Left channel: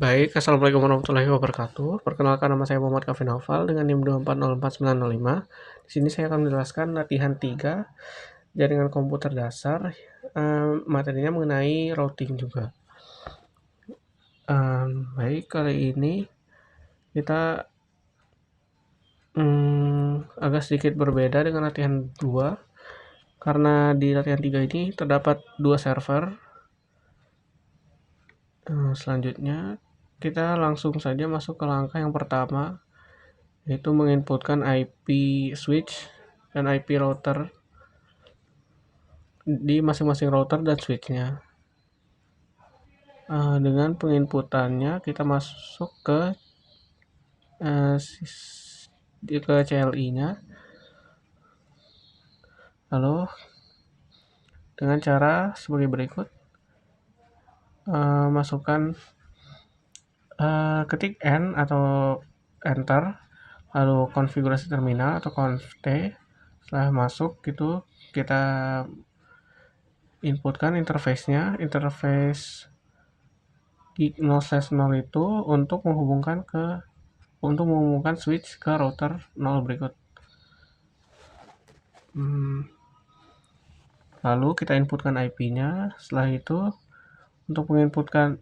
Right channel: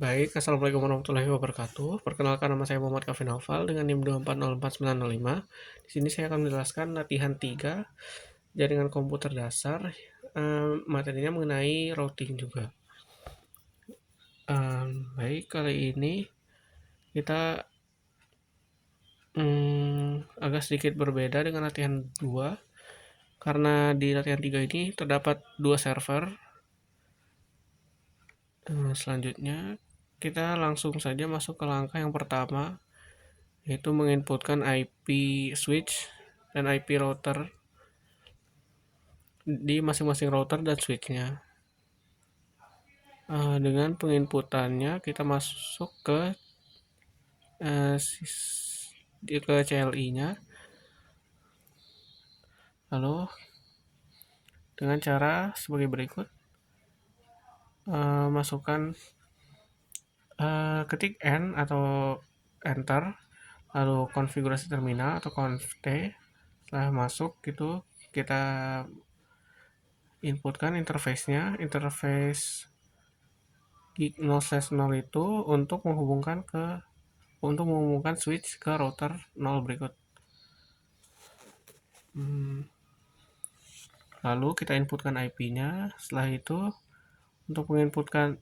Baik, Assalamualaikum warahmatullahi wabarakatuh. Perkenalkan, nama saya Muhammad Kaffi Naufal dengan NIM 2404905. Di sini saya akan menjelaskan latihan 3 jaringan komputer dasar. Materinya mengenai routing juga. Baik, kali ini kita agak sedikit berbeda dengan latihan 2 karena di latihan 3 ini terdapat 2 server. Selanjutnya kita langsung saja masuk ke langkah yang pertama, yaitu menginputkan IP switch dan IP router di masing-masing router dan switchnya. Dengan penginputannya kita masuk ke CLI-nya, lalu dengan cara sebagai berikut. Masukkan ketik N atau enter, lalu konfigurasi terminal atau conft. Setelah masuk gitu kita inputkan interface-nya, interface gig 0/0 itu untuk menghubungkan switch ke router 0 berikut. Lalu kita inputkan IP-nya. Setelah itu untuk penginputan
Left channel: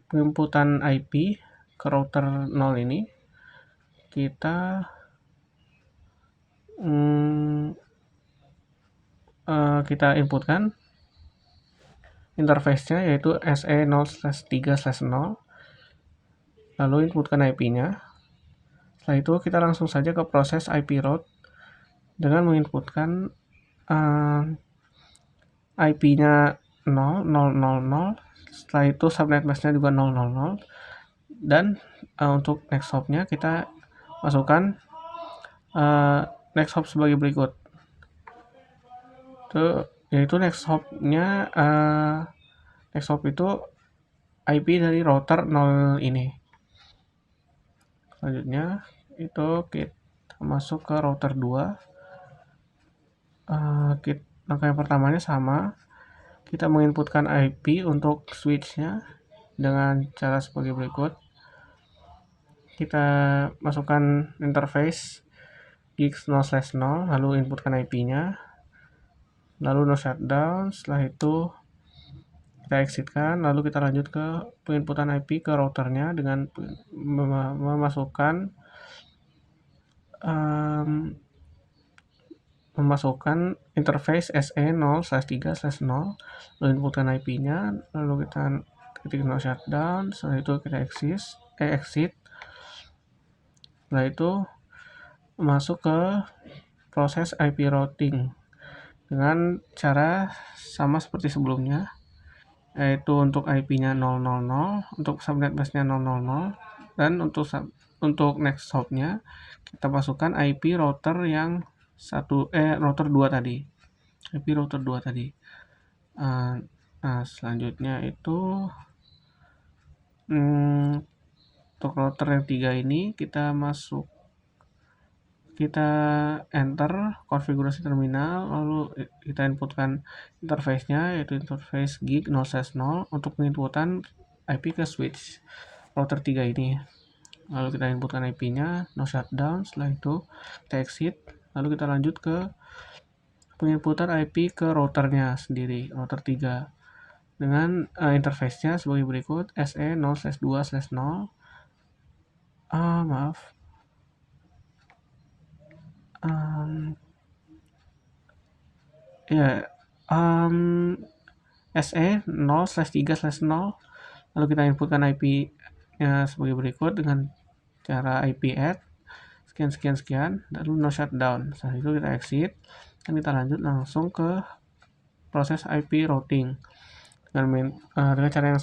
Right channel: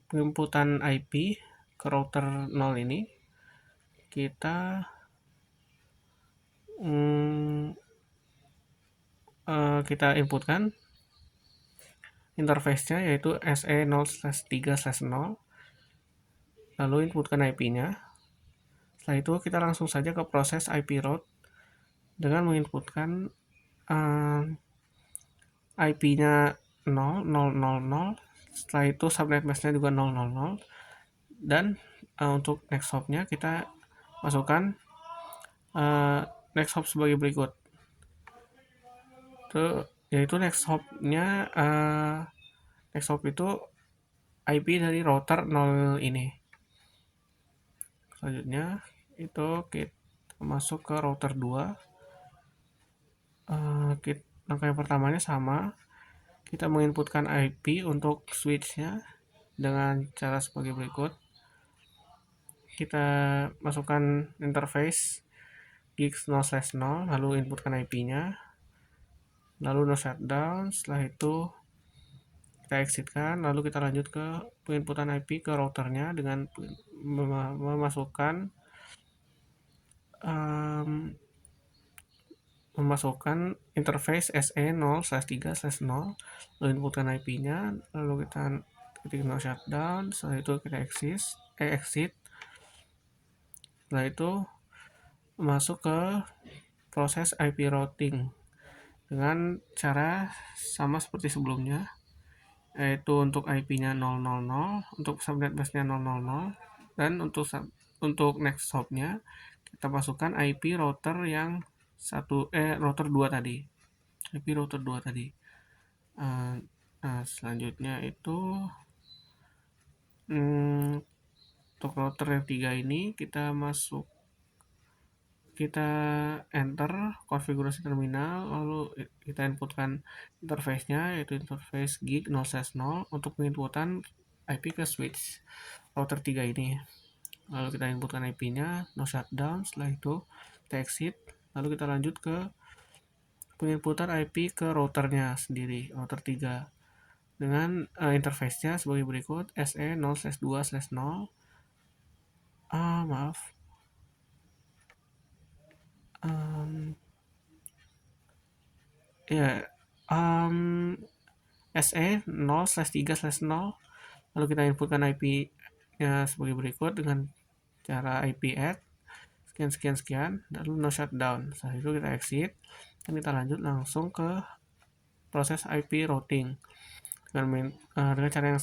IP ke router 0 ini kita inputkan interface-nya yaitu SE0/3/0, lalu inputkan IP-nya. Setelah itu kita langsung saja ke proses IP route dengan menginputkan IP-nya 0.0.0.0. Setelah itu subnet mask-nya juga 0.0.0, dan untuk next hop-nya kita masukkan next hop sebagai berikut. Yaitu next hop-nya next hop itu IP dari router 0 ini. Selanjutnya itu kita masuk ke router 2. Langkah yang pertamanya sama, kita menginputkan IP untuk switch-nya dengan cara sebagai berikut. Kita masukkan interface gig 0/0, lalu inputkan IP-nya, lalu no shutdown. Setelah itu kita exitkan, lalu kita lanjut ke penginputan IP ke routernya dengan memasukkan interface SE0/3/0, lalu inputkan IP-nya, lalu kita ketik no shutdown. Setelah itu kita exit. Setelah itu masuk ke proses IP routing dengan cara sama seperti sebelumnya, yaitu untuk IP-nya 0.0.0, untuk subnet mask-nya 0.0.0, dan untuk next hop-nya kita masukkan IP router yang router 2 tadi. IP router 2 tadi. Selanjutnya itu untuk router yang 3 ini kita enter konfigurasi terminal, lalu kita inputkan interface-nya yaitu interface gig 0/0 untuk penginputan IP ke switch router 3 ini. Lalu kita inputkan IP-nya, no shutdown. Setelah itu kita exit, lalu kita lanjut ke penginputan IP ke routernya sendiri, router 3, dengan interface-nya sebagai berikut. SE0/2/0. SE0/3/0, lalu kita inputkan IP-nya sebagai berikut dengan cara IP add sekian, lalu no shutdown. Setelah itu kita exit dan kita lanjut langsung ke proses IP routing dengan cara yang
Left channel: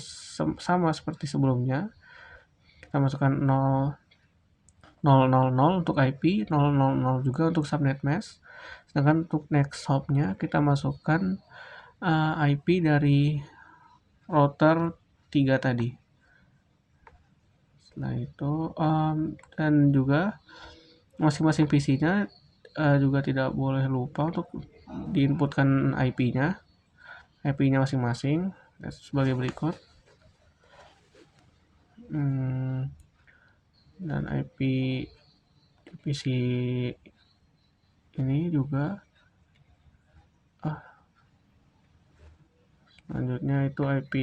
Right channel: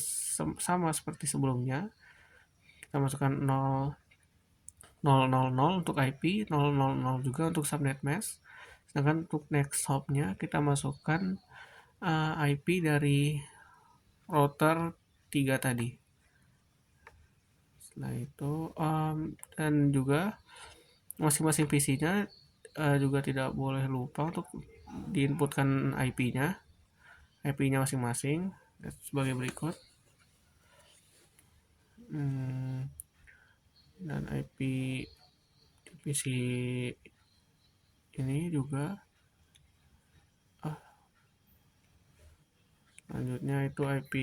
sama seperti sebelumnya. Kita masukkan 0.0.0 untuk IP, 0.0.0 juga untuk subnet mask. Sedangkan untuk next hop-nya kita masukkan IP dari router 3 tadi. Setelah itu dan juga masing-masing PC-nya juga tidak boleh lupa untuk diinputkan IP-nya masing-masing sebagai berikut. dan IP di PC ini juga. Selanjutnya itu IP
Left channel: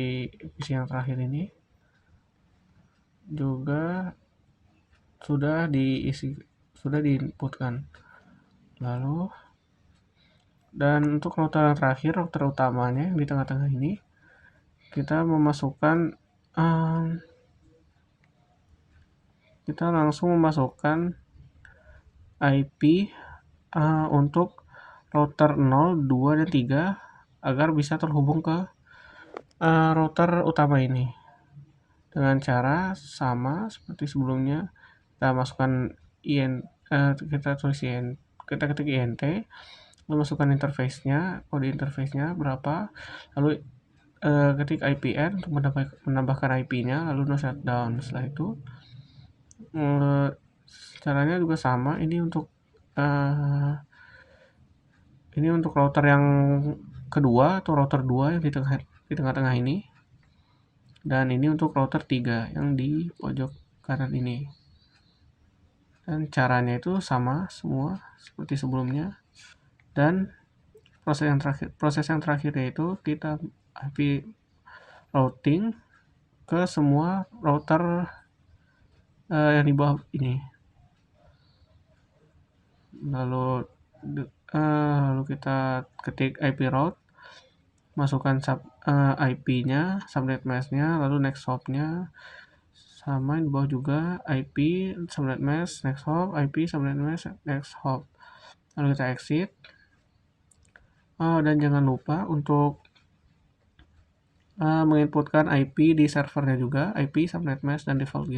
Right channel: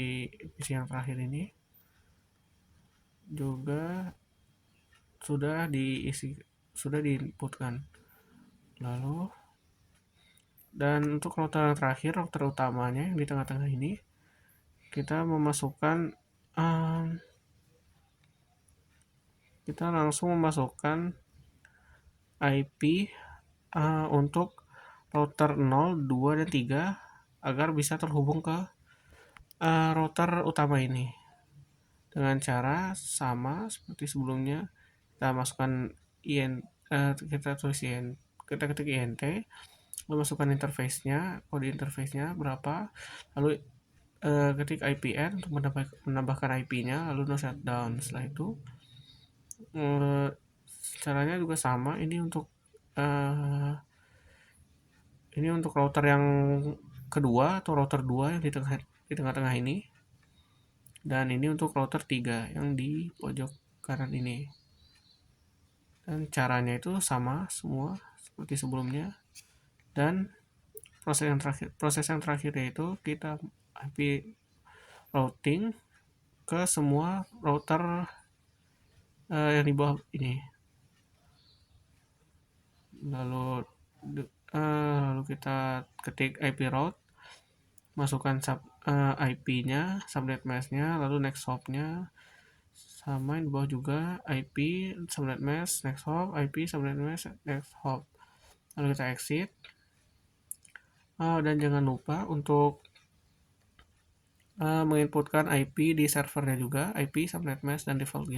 PC yang terakhir ini juga sudah diinputkan. Lalu dan untuk router yang terakhir, router utamanya yang di tengah-tengah ini, kita langsung memasukkan IP untuk router 0, 2, dan 3 agar bisa terhubung ke router utama ini dengan cara sama seperti sebelumnya. Kita masukkan kita ketik INT, lalu masukkan kode interface-nya berapa, lalu ketik IPN untuk menambahkan IP-nya, lalu no shutdown. Setelah itu caranya juga sama. Ini untuk router yang kedua atau router 2 yang di tengah-tengah ini, dan ini untuk router 3 yang di pojok kanan ini. Dan caranya itu sama semua seperti sebelumnya. Dan proses yang terakhir yaitu kita IP routing ke semua router yang di bawah ini. Lalu kita ketik IP route, masukkan IP-nya, subnet mask-nya, lalu next hop-nya sama di bawah juga, IP subnet mask next hop, IP subnet mask next hop. Lalu kita exit. Dan jangan lupa untuk menginputkan IP di servernya juga, IP subnet mask dan default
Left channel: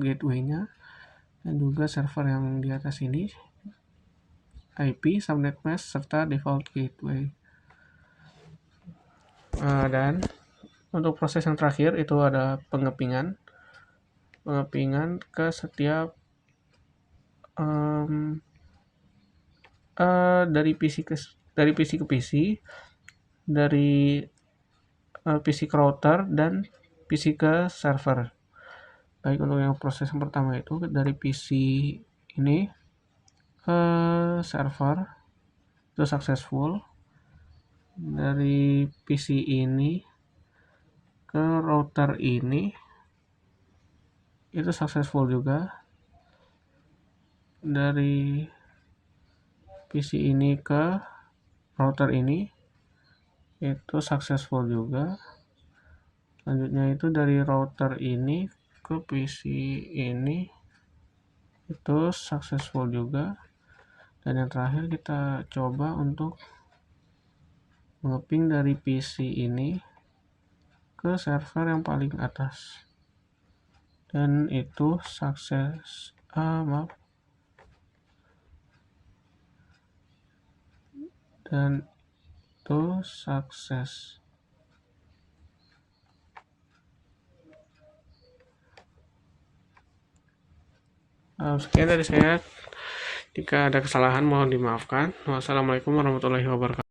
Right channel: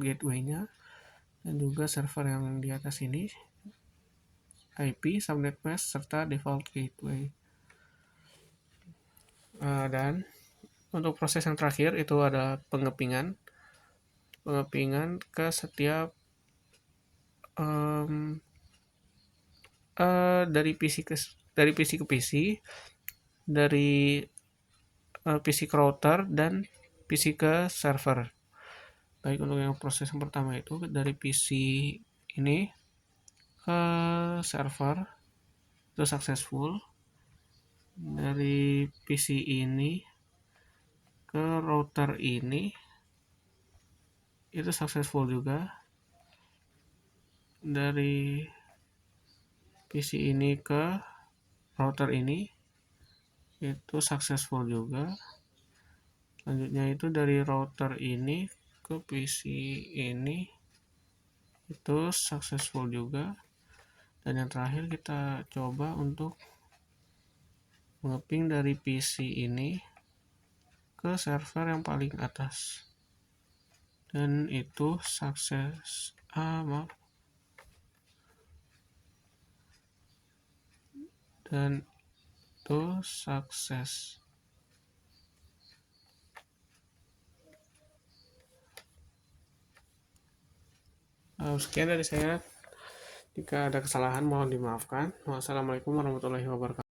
gateway-nya, dan juga server yang di atas ini, IP subnet mask serta default gateway. Dan untuk proses yang terakhir itu ada pengepingan ke setiap dari PC ke PC, dari PC ke router, dan PC ke server. Baik, untuk yang proses yang pertama itu dari PC ini ke server itu successful. Dari PC ini ke router ini itu successful juga. Dari PC ini ke router ini itu successful juga. Selanjutnya itu dari router ini ke PC ini itu successful juga. Dan yang terakhir kita coba untuk mengeping dari PC ini ke server yang paling atas, dan itu sukses. Dan itu sukses. Sekian dari saya. Jika ada kesalahan mohon dimaafkan. Wassalamualaikum warahmatullahi wabarakatuh.